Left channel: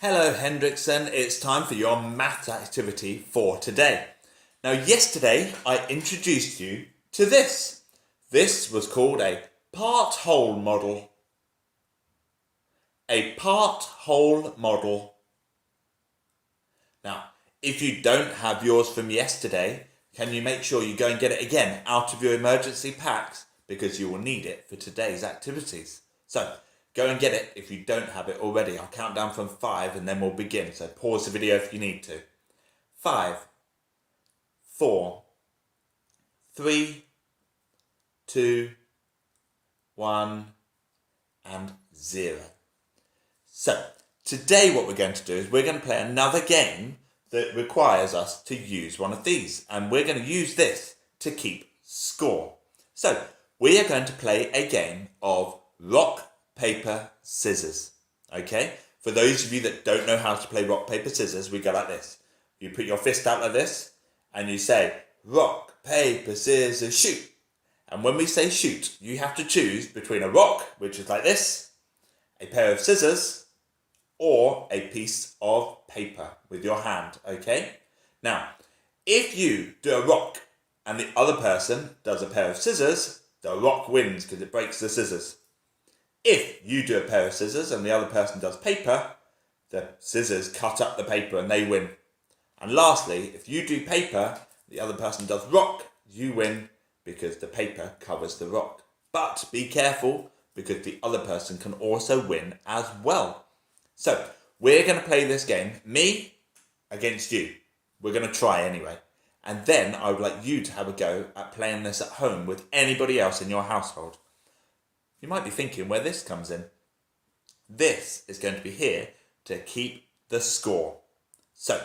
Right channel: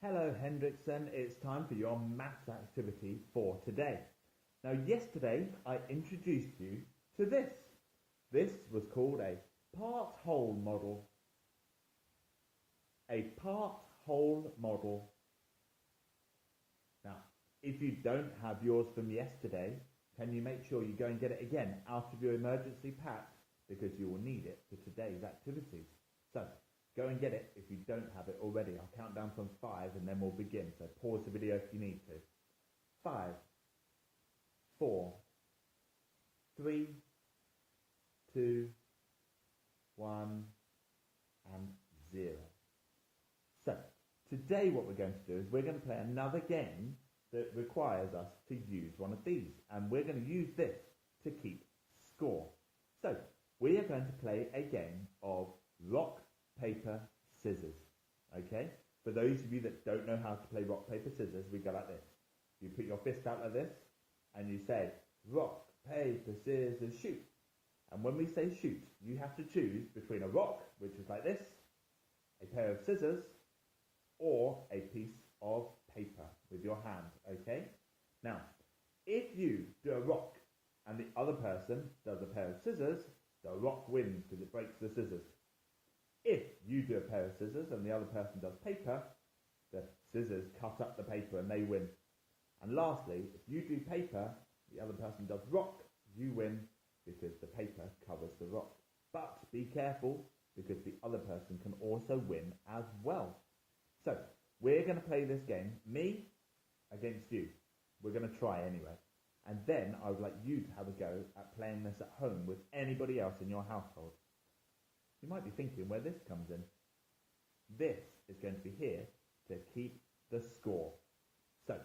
Hello Hendrickson, it's time for your maths activity for today. Now yesterday I introduced you to this. This was called a part-whole model. A part-whole model. Now, if you don't have yours from yesterday, can you make sure you go and get it again out of your emergency packs because you will need it for today's activities. So, go and get it if you don't have it already. I'll count down from 5 and then we'll begin. So pause the video if you need to. 5, 4, 3, 2, 1, and 0. So today what we're going to do is we're going to play another game that requires us to use one of these. And we're going to use this to keep score. So we are going to play a game of rock, paper, scissors. Okay? For those of you that don't know how to play rock, paper, scissors, we go like this. You put your fist out like this and you say, rock, paper, scissors, shoot. And when we say shoot, you have to choose between a rock, which is like this, a pair of scissors, or a piece of paper with your hand. Okay? Now, if you do a rock and the other person does a pair of scissors, the rock wins because it breaks the scissors. If you do a pair of scissors and the other person does paper, the scissors cut up the paper and they win. And lastly, if you do paper, the other person does rock, you win because the paper covers the rock. But be careful because the other person can also win as well. So, we're going to play this game, me against you. We're going to try anyway. And then I would like you to have a go at playing this at home with anybody else in your household. You might be thinking where this comes in. This is going to be here to keep the score. So,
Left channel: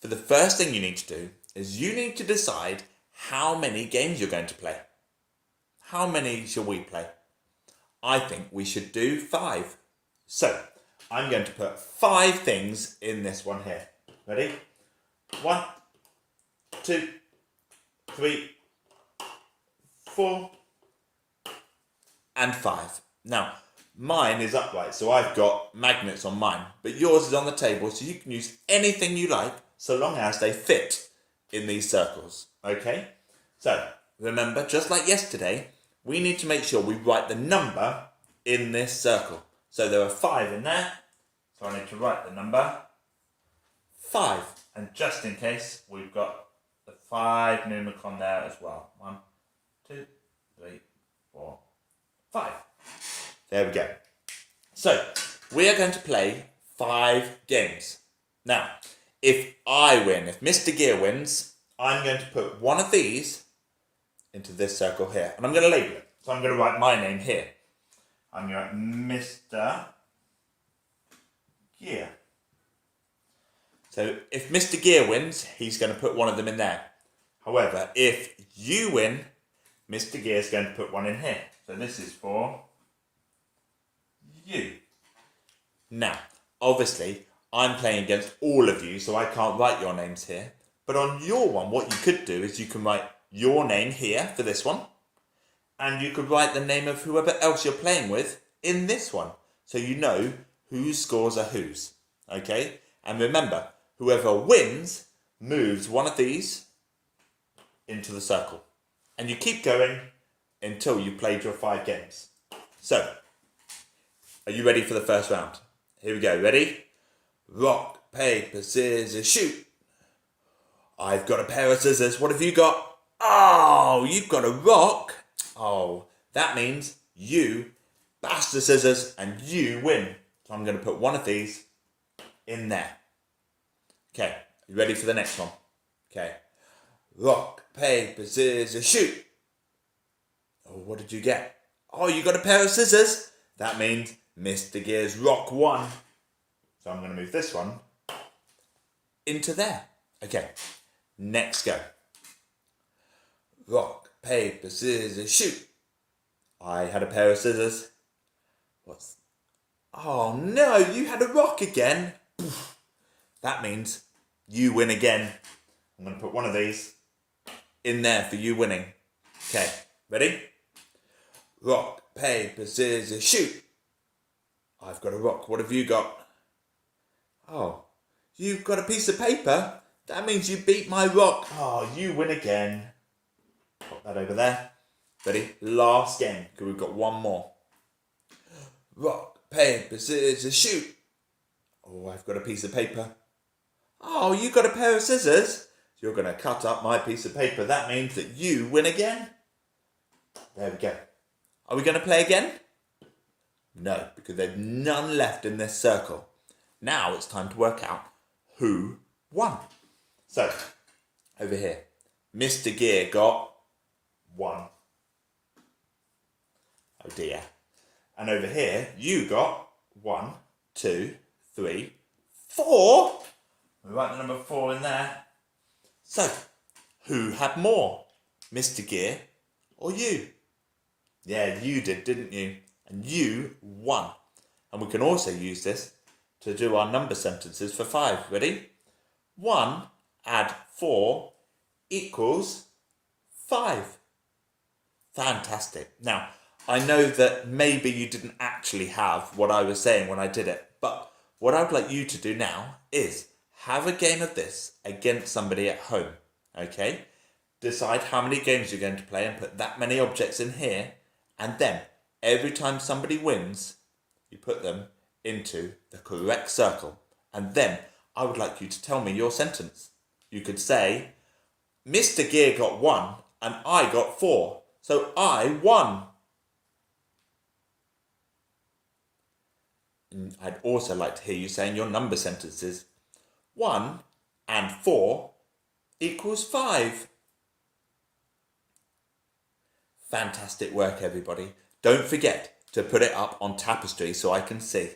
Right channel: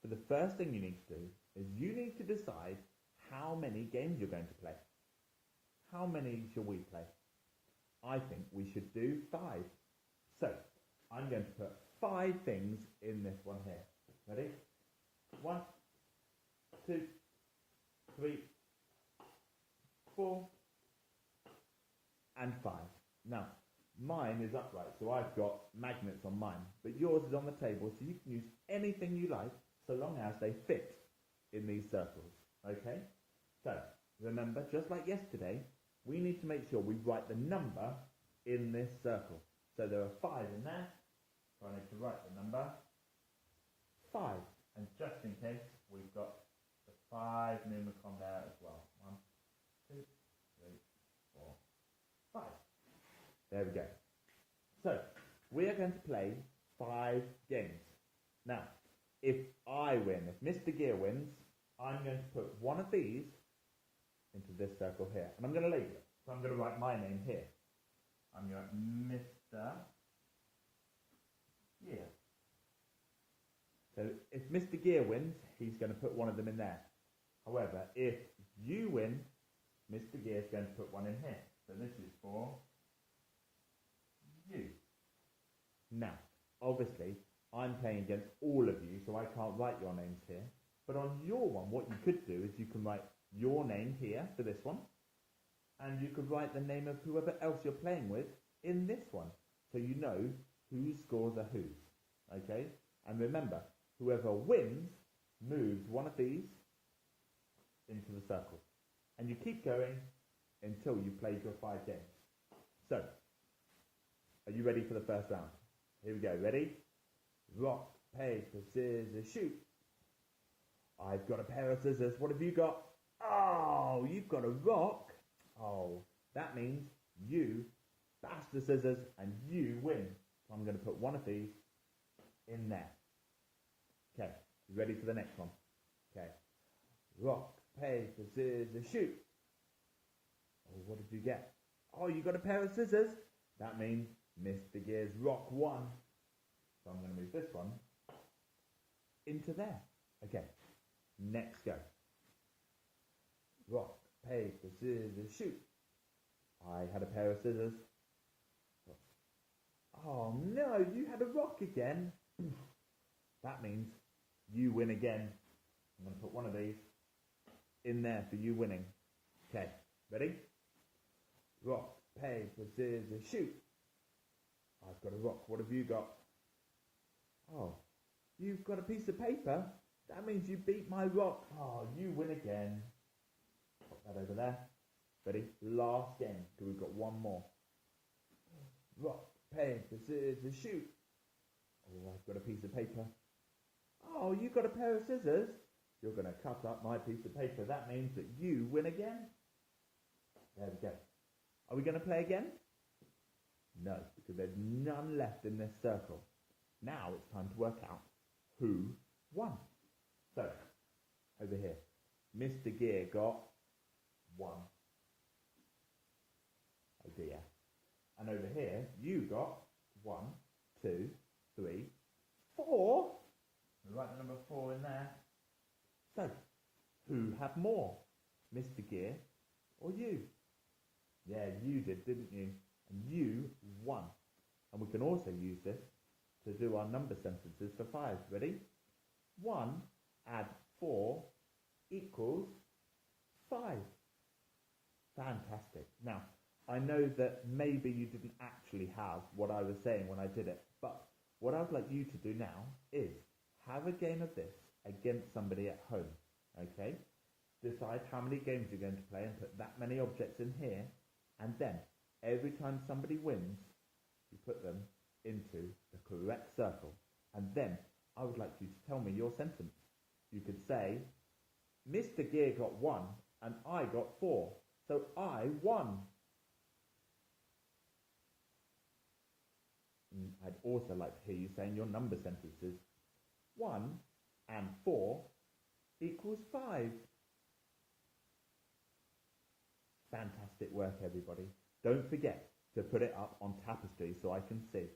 for the first thing you need to do is you need to decide how many games you're going to play. How many shall we play? I think we should do 5. So, I'm going to put 5 things in this one here. Ready? 1, 2, 3, 4, and 5. Now, mine is upright, so I've got magnets on mine, but yours is on the table, so you can use anything you like, so long as they fit in these circles, okay? So, remember, just like yesterday, we need to make sure we write the number in this circle. So there are 5 in there, so I need to write the number 5. And just in case, we've got the 5 numicon there as well. 1, 2, 3, 4, 5. There we go. So, we are going to play 5 games. Now, if I win, if Mr. Gear wins, I'm going to put one of these into this circle here. And I'm going to label it. So I'm going to write my name here. I'm going to write Mr. Gear. So if Mr. Gear wins, he's going to put one of them in there. However, if you win, Mr. Gear is going to put one in here. So this is for you. Now, obviously, I'm playing against all of you, so I can't write your names here. But on your one, what you could do is you can write your name here for this one. And you could write the name of whoever else you're playing with in this one. So you know whose scores are whose. Okay? And remember, whoever wins moves one of these into the circle. And you keep going until you played your 5 games. So, are you ready for the first round? Here we go. Ready? Rock, paper, scissors, shoot. I've got a pair of scissors. What have you got? Oh, you've got a rock. Oh, that means you bash the scissors and you win. So I'm going to put one of these in there. Okay, you ready for the next one? Okay. Rock, paper, scissors, shoot. Oh, what did you get? Oh, you got a pair of scissors. That means Mr. Gear's rock won. So I'm going to move this one into there. Okay, next go. Rock, paper, scissors, shoot. I had a pair of scissors. Oh no, you had a rock again. That means you win again. I'm going to put one of these in there for you winning. Okay, ready? Rock, paper, scissors, shoot. I've got a rock. What have you got? Oh, you've got a piece of paper? That means you beat my rock. Oh, you win again. Put that over there. Ready? Last game, because we've got one more. Rock, paper, scissors, shoot. Oh, I've got a piece of paper. Oh, you got a pair of scissors? You're going to cut up my piece of paper. That means that you win again. There we go. Are we going to play again? No, because there's none left in this circle. Now it's time to work out who won. So, over here, Mr. Gear got 1. Oh dear. And over here, you got 1, 2, 3, 4. We write the number 4 in there. So, who had more? Mr. Gear or you? Yeah, you did, didn't you? And you won. And we can also use this to do our number sentences for 5. Ready? 1 add 4 equals 5. Fantastic. Now, I know that maybe you didn't actually have what I was saying when I did it, but what I would like you to do now is have a game of this against somebody at home, okay? Decide how many games you're going to play and put that many objects in here, and then every time somebody wins, you put them into the correct circle. And then I would like you to tell me your sentence. You could say, Mr. Gear got 1 and I got 4, so I won. And I'd also like to hear you saying your number sentences. 1 and 4 equals 5. Fantastic work, everybody. Don't forget to put it up on Tapestry so I can see.